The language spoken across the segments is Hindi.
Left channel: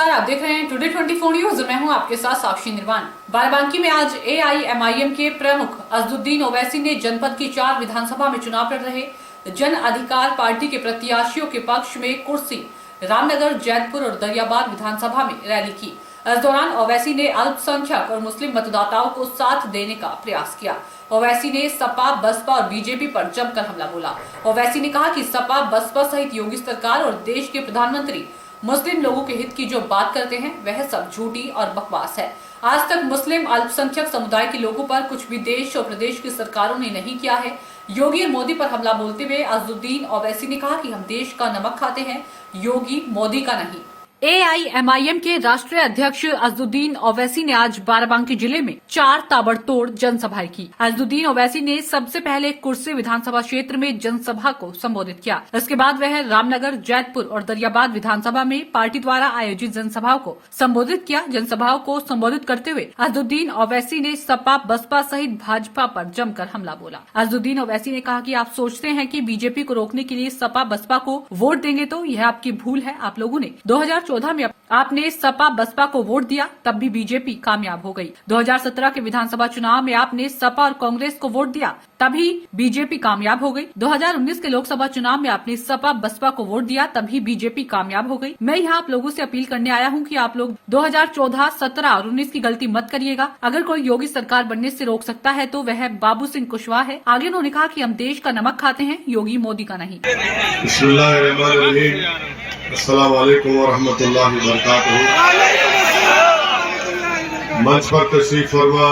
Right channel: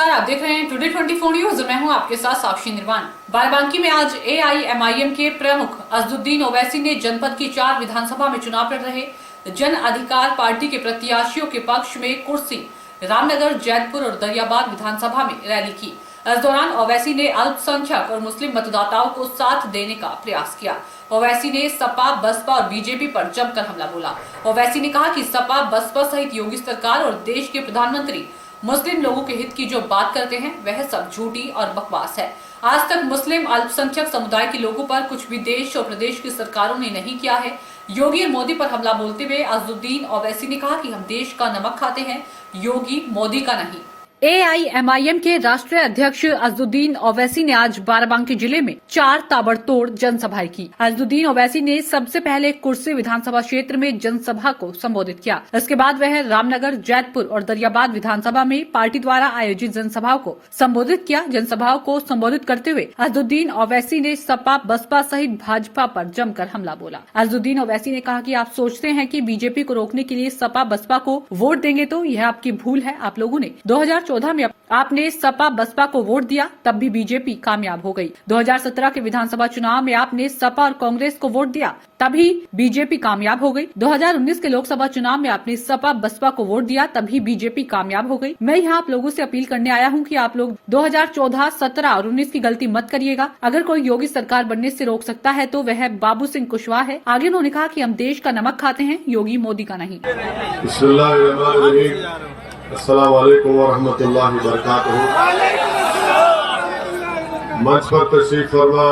नमस्कार, आप देख रहे हैं टुडे 24 न्यूज। मैं हूं आपके साथ साक्षी निर्वाण। बाराबंकी में आज AIMIM के प्रमुख अजदुद्दीन ओवैसी ने जनपद की 4 विधानसभा में चुनाव लड़ रहे जन अधिकार पार्टी के प्रत्याशियों के पक्ष में कुर्सी रामनगर, जैतपुर और दरियाबाद विधानसभा में रैली की। इस दौरान ओवैसी ने अल्पसंख्यक और मुस्लिम मतदाताओं को साथ देने का प्रयास किया। ओवैसी ने सपा, बसपा और बीजेपी पर जमकर हमला बोला। ओवैसी ने कहा कि सपा, बसपा सहित योगी सरकार और देश के प्रधानमंत्री मुस्लिम लोगों के हित की जो बात करते हैं वह सब झूठी और बकवास है। आज तक मुस्लिम अल्पसंख्यक समुदाय के लोगों पर कुछ भी देश और प्रदेश की सरकारों ने नहीं किया है। योगी और मोदी पर हमला बोलते हुए अजदुद्दीन ओवैसी ने कहा कि हम देश का नमक खाते हैं, योगी मोदी का नहीं। AIMIM के राष्ट्रीय अध्यक्ष अजदुद्दीन ओवैसी ने आज बाराबंकी जिले में 4 ताबड़तोड़ जनसभाएं की। अजदुद्दीन ओवैसी ने सबसे पहले कुर्सी विधानसभा क्षेत्र में जनसभा को संबोधित किया। इसके बाद वह रामनगर, जैतपुर और दरियाबाद विधानसभा में पार्टी द्वारा आयोजित जनसभाओं को संबोधित किया। जनसभाओं को संबोधित करते हुए अजदुद्दीन ओवैसी ने सपा, बसपा सहित भाजपा पर जमकर हमला बोला। अजदुद्दीन ओवैसी ने कहा कि आप सोचते हैं कि बीजेपी को रोकने के लिए सपा, बसपा को वोट देंगे, तो यह आपकी भूल है। आप लोगों ने 2014 में आपने सपा, बसपा को वोट दिया, तब भी बीजेपी कामयाब हो गई। 2017 के विधानसभा चुनाव में आपने सपा और कांग्रेस को वोट दिया, तभी बीजेपी कामयाब हो गई। 2019 के लोकसभा चुनाव में आपने सपा, बसपा को वोट दिया, तभी बीजेपी कामयाब हो गई। मैं यहाँ आप लोगों से अपील करने आया हूँ कि आप लोग 2014, 17 और 19 की गलती मत करिएगा। अगर कोई योगी सरकार बनने से रोक सकता है तो वह बाबू सिंह कुशवाहा है। आगे उन्होंने कहा कि हम देश का नमक खाते हैं, योगी मोदी का नहीं। अस्सलाम वालेकुम व रहमतुल्लाहि व बरकातहू। मंच पर तशरीफ फरमा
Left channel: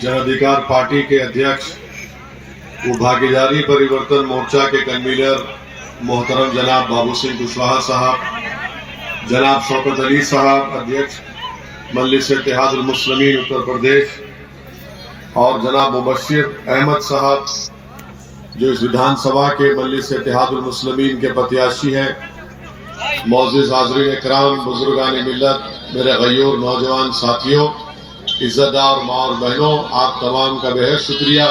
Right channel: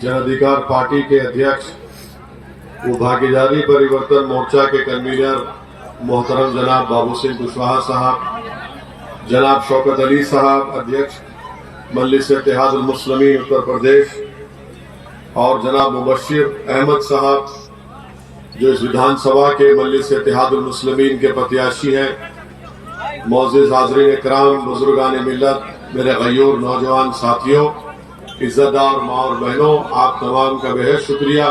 जन अधिकार पार्टी के अध्यक्ष व भागीदारी परिवर्तन मोर्चा के कन्वीनर मोहतरम जनाब बाबू सिंह कुशवाहा साहब, जनाब शौकत अली साहब अध्यक्ष मजलिस इत्तेहादुल मुस्लिमीन उत्तर प्रदेश, और जनाब मुबश्शिर अहमद साहब जो इस विधानसभा के मजलिस इत्तेहादुल मुस्लिमीन के प्रत्याशी हैं, मौजूद हाज़रीन इकराम, बुजुर्गान मिल्लत, मेरे गयूर नौजवान साथियों, इज्जतदार माँ और बहनों, आप तमाम का बेहद शुक्रिया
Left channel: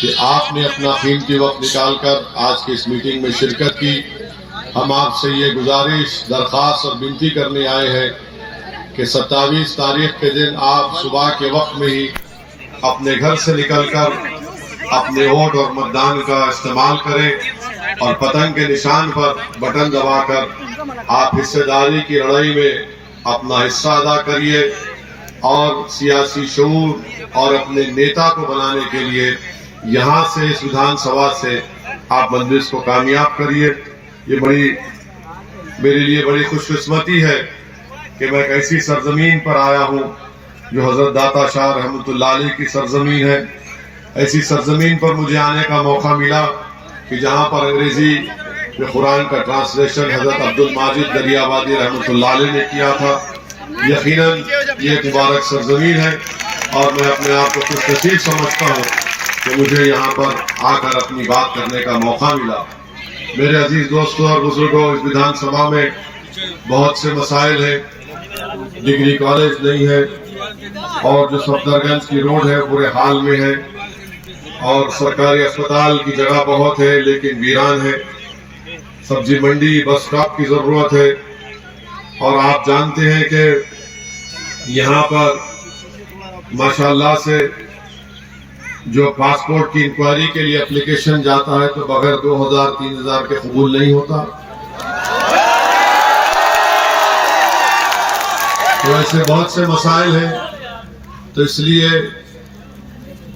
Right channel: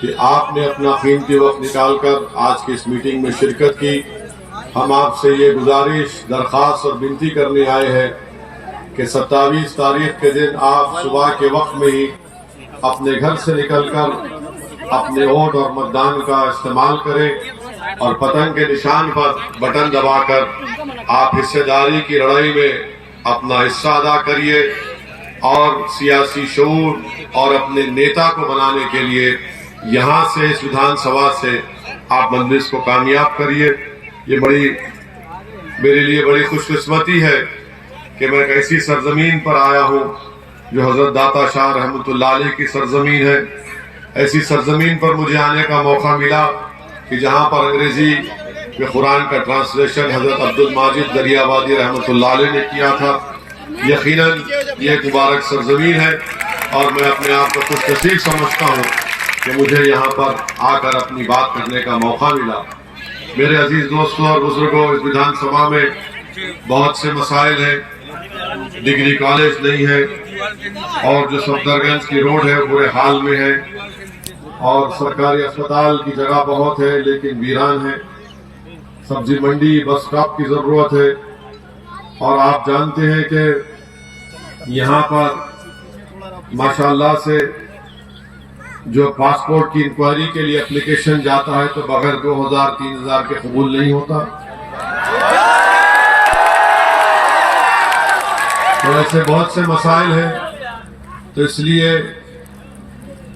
कि आपने अपना कीमती वक्त निकालकर आज की इस मीटिंग में शिरकत की। हम आपसे ये गुजारिश, दरख्वास्त और विनती करने आए हैं कि 27 तारीख के दिन आप सुबह के वक्त में ही अपने घर से निकलकर अपने वोट और मतदान का इस्तेमाल करें और पतंग के निशान पर बटन दबाकर आप हिस्सेदारी की लड़ाई में अपना हिस्सा अदा करिए और सियासी शऊर और अपने नेता को बनाने के लिए यहाँ से, इस विधानसभा से आप मजलिस को कामयाब करिए। ये मेरे लिए बड़ी खुशकिस्मती है कि मैं एक ऐसी सरजमीन पर आया हूँ जो हजरत दाता शाह रहमतुल्लाह अलैह की सरजमीन है। ऐसी सरजमीन पर मुझे आने का मौका मिला कि जहाँ पर अंग्रेजी में कुरान का ट्रांसलेशन हजरत अब्दुल माजिद दरियाबादी रहमतुल्लाह अलैह ने किया था। यकीनन ये एक मुबारक सरजमीन है और मैं अपने आप को खुशनसीब समझता हूँ कि मुझे यहाँ पर आकर अपनी बात करने का मौका मिला। मेरे अजीज दोस्तों और बुजुर्गों, इस विधानसभा में बहुत से मसाइल हैं। डिग्री कॉलेज नहीं है और जो सफदरगंज की रोड है बुरे हाल में है और सरकारी अस्पताल की जगह बहुत है लेकिन वीरान है। सब्जी मंडी, बस स्टॉप की जरूरत है और आप जानते हैं कि यहाँ पर माशाल्लाह से जो पासपोर्ट की इंक्वायरी के लिए एप्लीकेशन जाता है तो बगैर 2000-3000 के कबूल नहीं होता। तो ऐसे बहुत से मसाइल हैं। तो इसलिए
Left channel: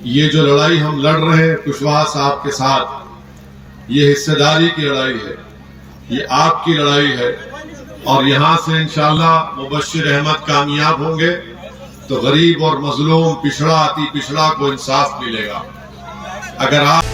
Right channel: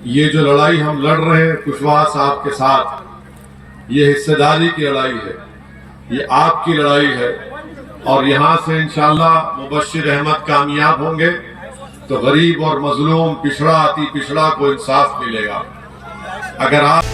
ये जो लड़ाई हम लड़ रहे हैं कुशवाहा साहब के साथ, ये हिस्सेदारी की लड़ाई है, ये आपकी लड़ाई है और यहाँ से इंशाअल्लाह मुबश्शिर अहमद कामयाब होंगे तो गरीब और मजलूम, पिछड़ा, अति पिछड़ा को इंसाफ मिलेगा। अगर आप